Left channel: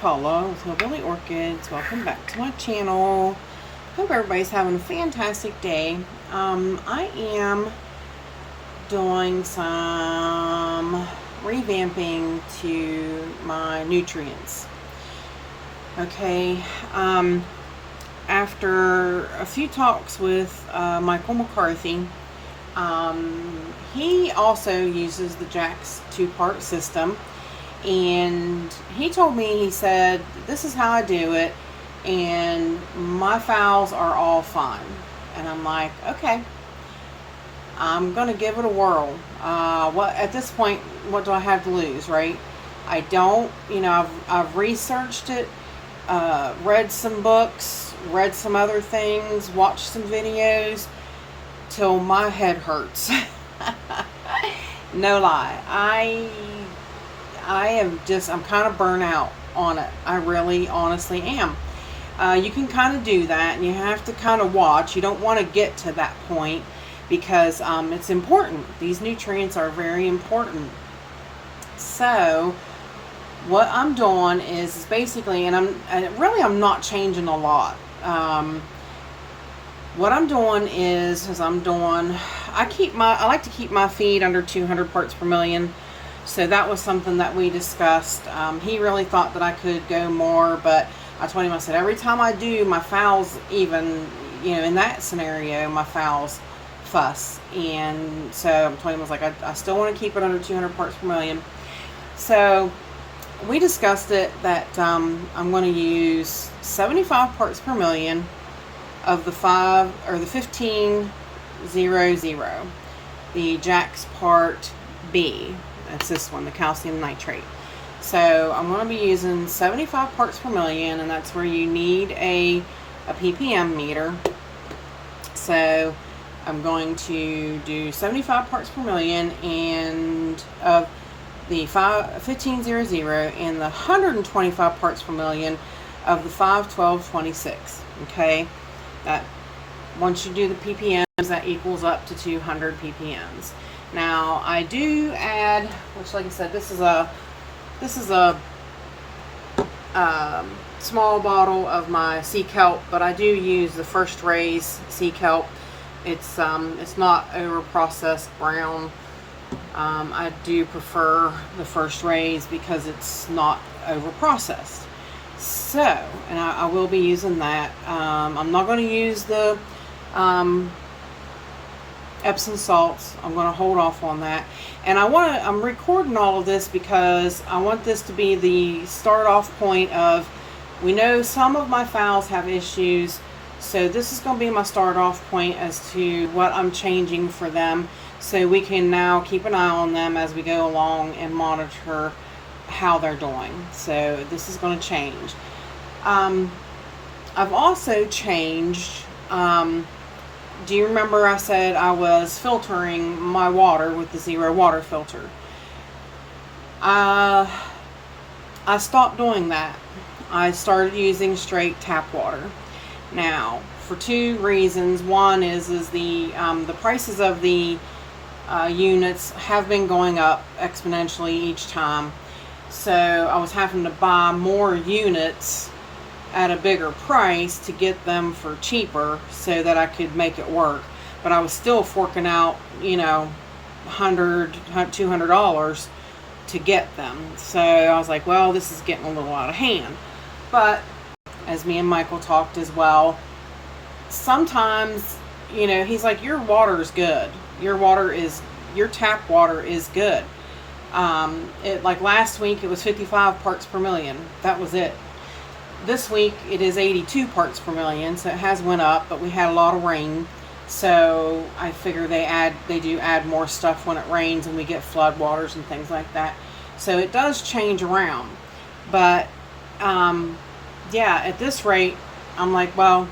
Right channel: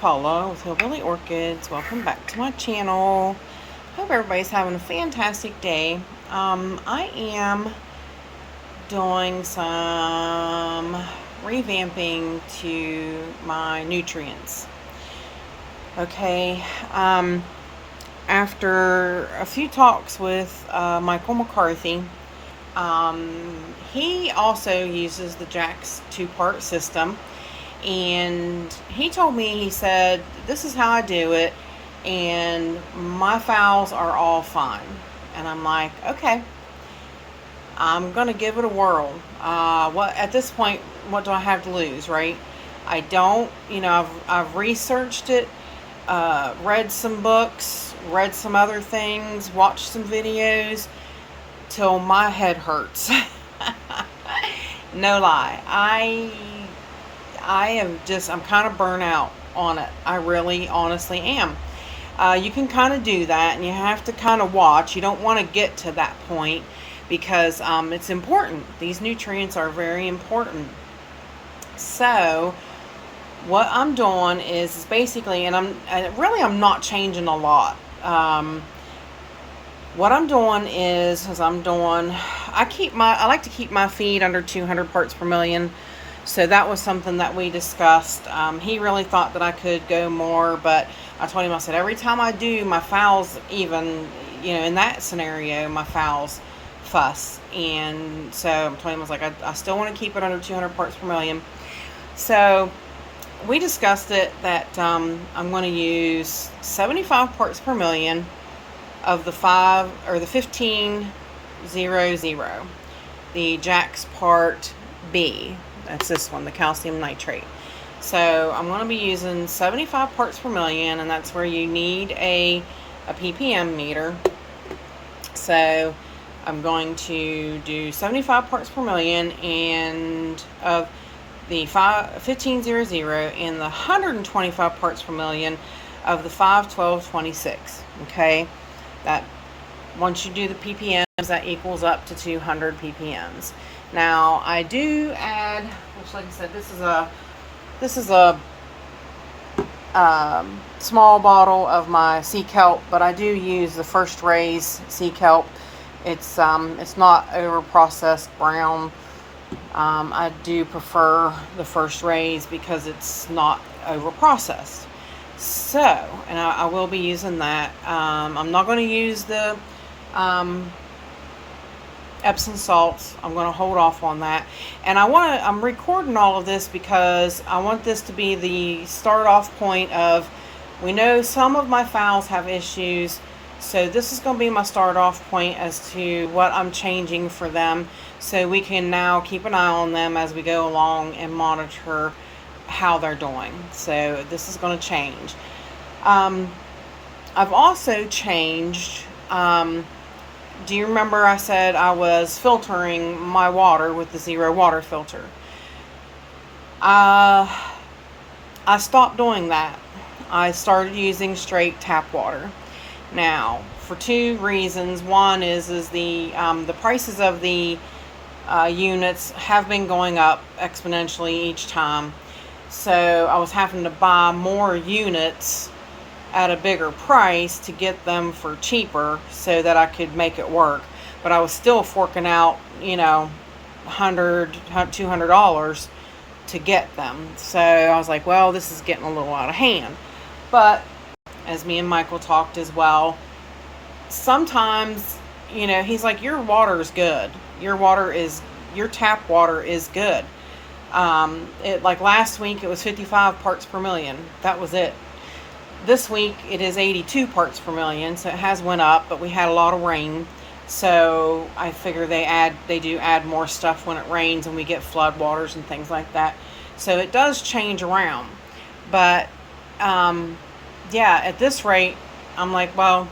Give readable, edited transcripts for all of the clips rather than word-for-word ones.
Paula with Hillbilly Orchids. Welcome back to my channel. Hope everybody's having a fantastic day. I am doing some revamping to my nutrients. Okay, after a few talks with Michael McCarthy, he also uses the Jack's two-part system. And he told me, he said, this is how I do it, and my fowls are all fine. And I'm like, okay, I'm gonna give it a whirl. What at this point, what do I have to lose, right? I don't, I've researched it, read some books, read some other things, watched some videos, till my head hurts. No lie, I'm kind of burnt out on it. I really honestly am. You can kind of do that, and you have to kind of watch. You don't want to get to that point because it's important. These nutrients are very important. So what I'm doing is basically, and I'm not changing a lot. What I'm doing is I like to keep my feed under 200 parts per million. So that was something that we discussed. He really thought that I could go more, but I told him, I said, every time I do, my fowls, even, in that scenario, my fowls fuss. And so I told him, I was like, I still want to keep it under 200 parts per million. So we discussed it that I'm going to use 75 parts per million of the 1500, the Jack's Part B. That's this one, the calcium nitrate. So I'm going to be using 75 parts per million, and that's where you need a ppm meter. So I'm going to do 75 parts per million and of the 1500 and the 125 parts per million of the 51226. Okay, that once you do the ppms, that equals up to 200 ppms. Now I do add, which, like I said, this is a small bottle of my sea kelp, but I do use the First Raise sea kelp. It's not over processed brown. I do prefer the First Raise because it's not over processed. So, and I will be using that. I'm not going to use the Epsom salts. I'm going to hold off on that. And I'm recording all of this because I want this to be the start off point of, we know some of my fowls have issues, so this is going to be my start off point as to what I'm changing for them, so we can now keep an eye on them as we go along and monitor how they're doing. So this is going to change. I've also changed, do you remember I said I was filtering my water with the zero water filter? I stopped doing that. I started using straight tap water. Now, for two reasons. One is the prices of the units have been going up exponentially each time. So I was having to buy more units at a bigger price to get them for cheaper so that I could make it work. But I was still forking out, $100, $200 to get them. So I was like, well, this is getting a little out of hand. But as me and Michael talked as well, sometimes, he's like, your water is good. Your tap water is good. Like last week, it was 55 parts per million. That was it. This week it is 82 parts per million, so it has went up, but we had a lot of rain, so I figure they do add more stuff when it rains and we get flood waters and things like that. So it does change around. But yeah, at this rate, I'm like, well,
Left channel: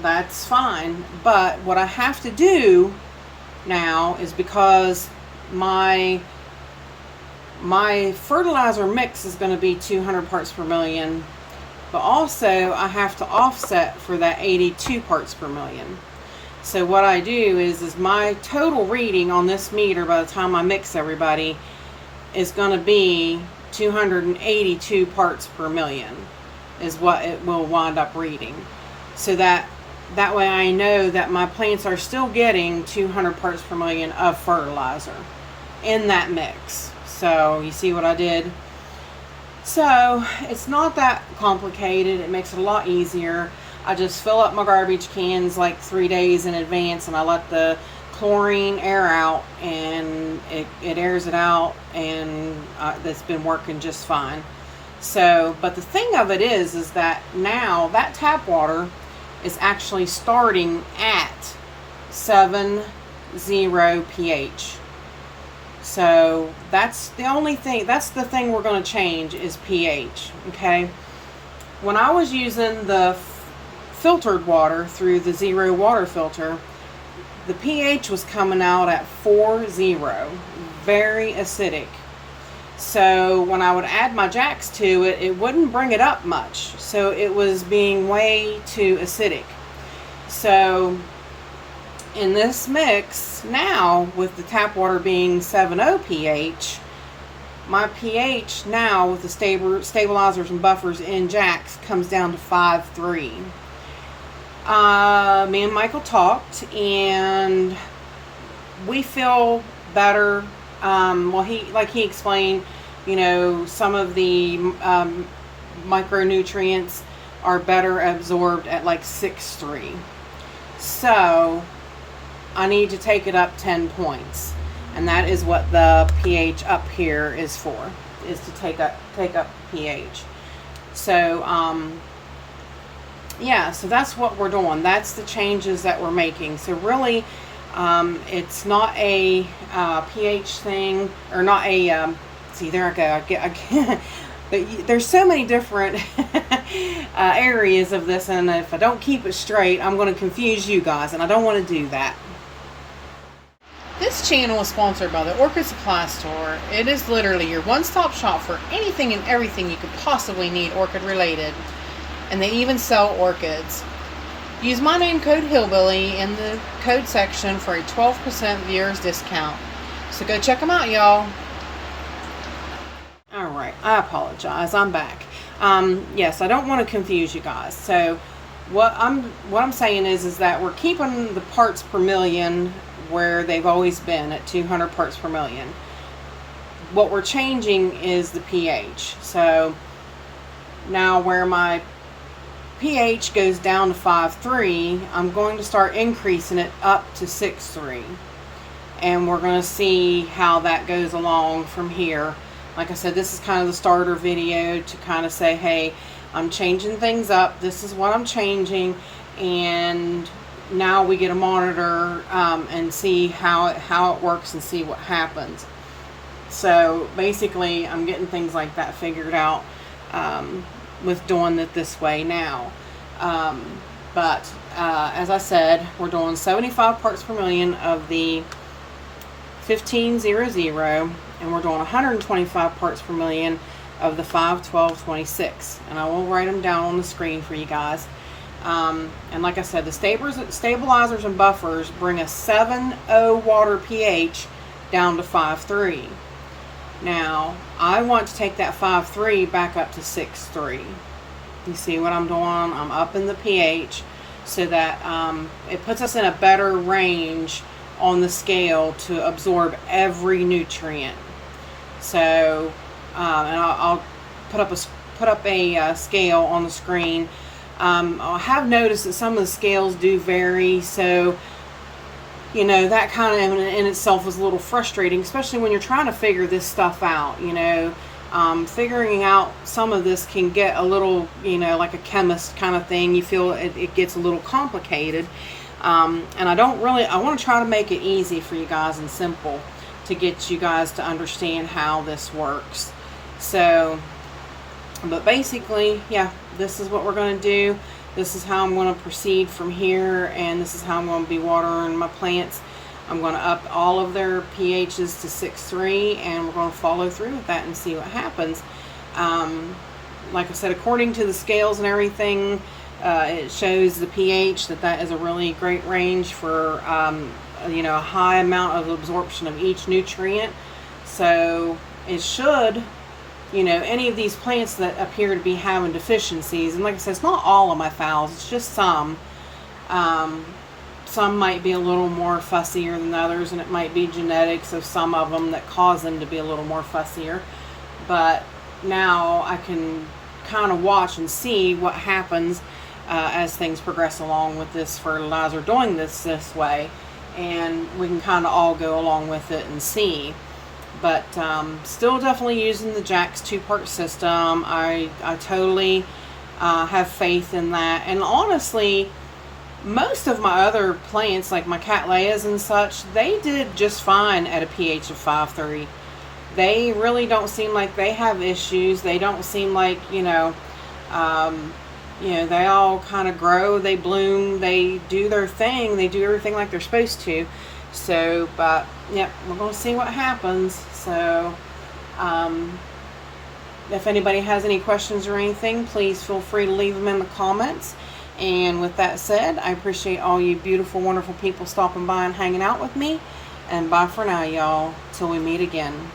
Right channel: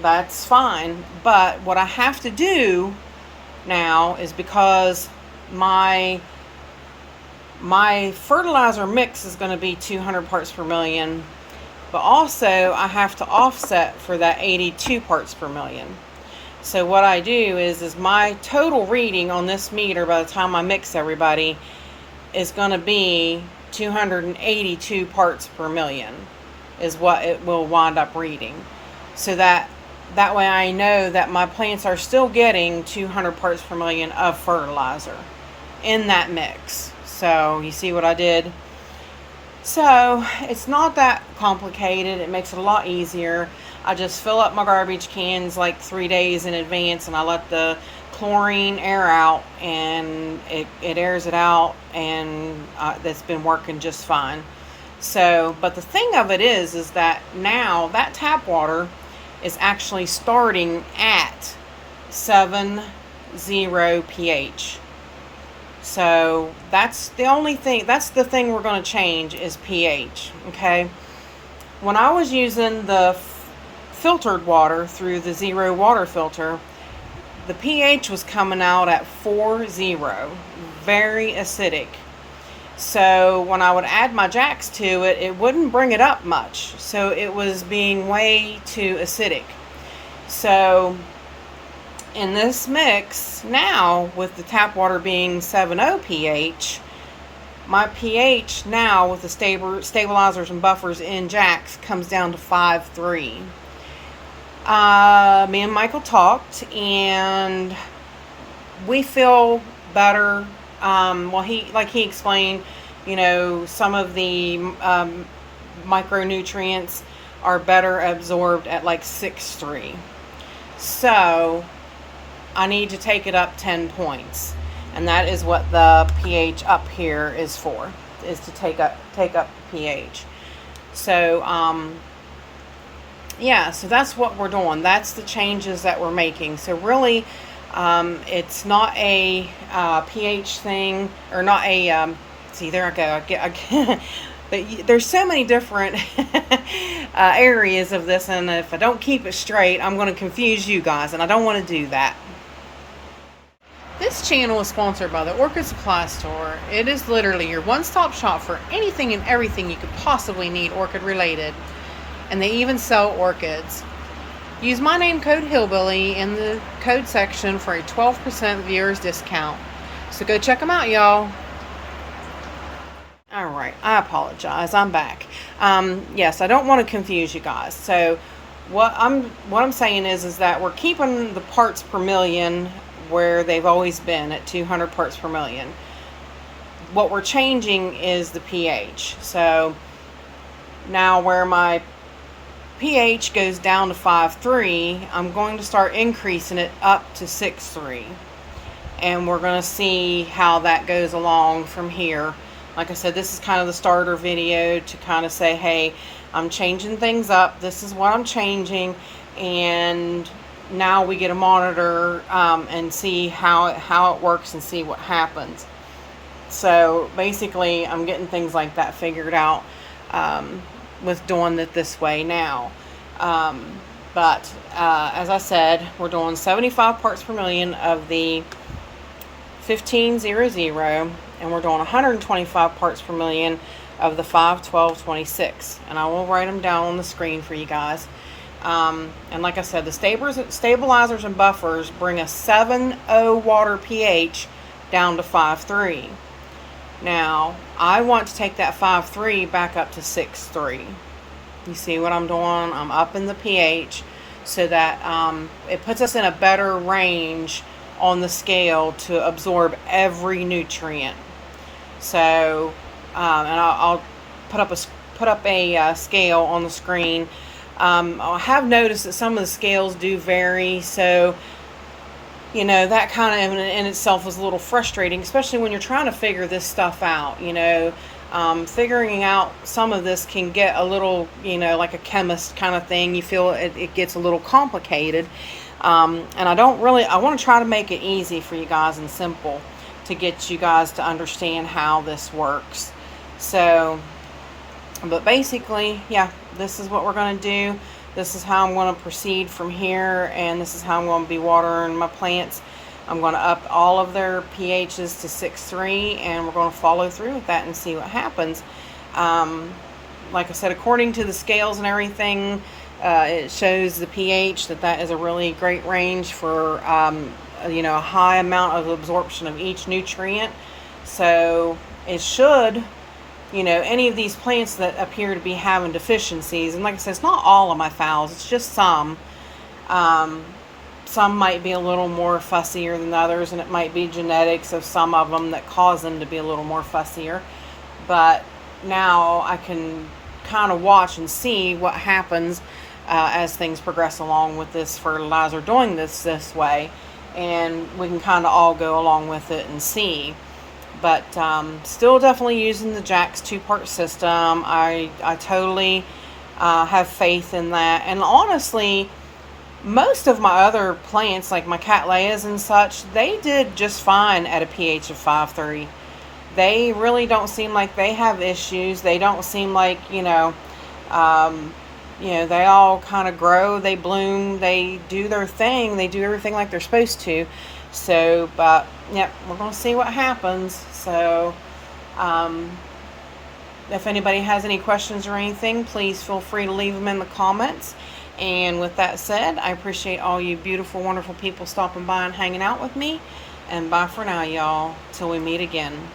that's fine. But what I have to do now is, because my fertilizer mix is going to be 200 parts per million, but also I have to offset for that 82 parts per million. So what I do is my total reading on this meter by the time I mix everybody is going to be 282 parts per million is what it will wind up reading. So that way I know that my plants are still getting 200 parts per million of fertilizer in that mix. So you see what I did? So it's not that complicated. It makes it a lot easier. I just fill up my garbage cans like 3 days in advance, and I let the chlorine air out, and it airs it out, and that's been working just fine. So, but the thing of it is that now that tap water is actually starting at 7.0 pH. So that's the only thing, that's the thing we're going to change is pH, okay? When I was using the filtered water through the zero water filter, the pH was coming out at 4.0, very acidic. So when I would add my jacks to it, it wouldn't bring it up much. So it was being way too acidic. So in this mix now, with the tap water being 7.0 pH, my pH now with the stabilizers and buffers in jacks comes down to 5.3. Me and Michael talked, and we feel better. Well, he explained, you know, some of the micronutrients are better absorbed at like 6.3. So I need to take it up 10 points, and that is what the pH up here is for, is to take up the pH. So yeah, so that's what we're doing. That's the changes that we're making. So really, it's not a pH thing, or not a, see, there I go, but there's so many different areas of this, and if I don't keep it straight, I'm going to confuse you guys, and I don't want to do that. This channel is sponsored by the Orchid Supply Store. It is literally your one-stop shop for anything and everything you could possibly need orchid related. And they even sell orchids. Use my name code Hillbilly in the code section for a 12% viewers discount. So go check them out, y'all. Alright, I apologize. I'm back. Yes, I don't want to confuse you guys. So what I'm saying is that we're keeping the parts per million where they've always been at 200 parts per million. What we're changing is the pH. So now where my pH goes down to 5.3, I'm going to start increasing it up to 6.3, and we're going to see how that goes along from here. Like I said, this is kind of the starter video to kind of say, hey, I'm changing things up, this is what I'm changing, and now we get to monitor and see how it works and see what happens. So basically I'm getting things like that figured out with doing it this way now. But as I said, we're doing 75 parts per million of the 15.00, and we're doing 125 parts per million of the 5.12.26, and I will write them down on the screen for you guys. And like I said, the stabilizers and buffers bring a 7.0 water pH down to 5.3. Now, I want to take that 5.3 back up to 6.3. You see what I'm doing? I'm upping the pH so that it puts us in a better range on the scale to absorb every nutrient. So, and I'll put up a scale on the screen. I have noticed that some of the scales do vary, so you know, that kind of in itself is a little frustrating, especially when you're trying to figure this stuff out. You know, figuring out some of this can get a little, you know, like a chemist kind of thing. You feel it gets a little complicated, and I want to try to make it easy for you guys and simple to get you guys to understand how this works. So, but basically, yeah, this is what we're going to do. This is how I'm going to proceed from here, and this is how I'm going to be watering my plants. I'm going to up all of their pHs to 6.3, and we're going to follow through with that and see what happens. Like I said, according to the scales and everything, it shows the pH that is a really great range for you know, a high amount of absorption of each nutrient. So it should any of these plants that appear to be having deficiencies. And like I said, it's not all of my phals, it's just some. Some might be a little more fussier than others, and it might be genetics of some of them that cause them to be a little more fussier. But now I can kind of watch and see what happens as things progress along with this fertilizer, doing this way, and we can kind of all go along with it and see. But still definitely using the Jack's 2-part system. I totally have faith in that. And honestly, most of my other plants, like my Cattleyas and such, they did just fine at a pH of 5.3. They really don't seem like they have issues. They don't seem like, they all kind of grow, they bloom, they do their thing, they do everything like they're supposed to. So, but, yeah, we're going to see what happens. So, if anybody has any questions or anything, please feel free to leave them in the comments. And with that said, I appreciate all you beautiful, wonderful people stopping by and hanging out with me. And bye for now, y'all, till we meet again.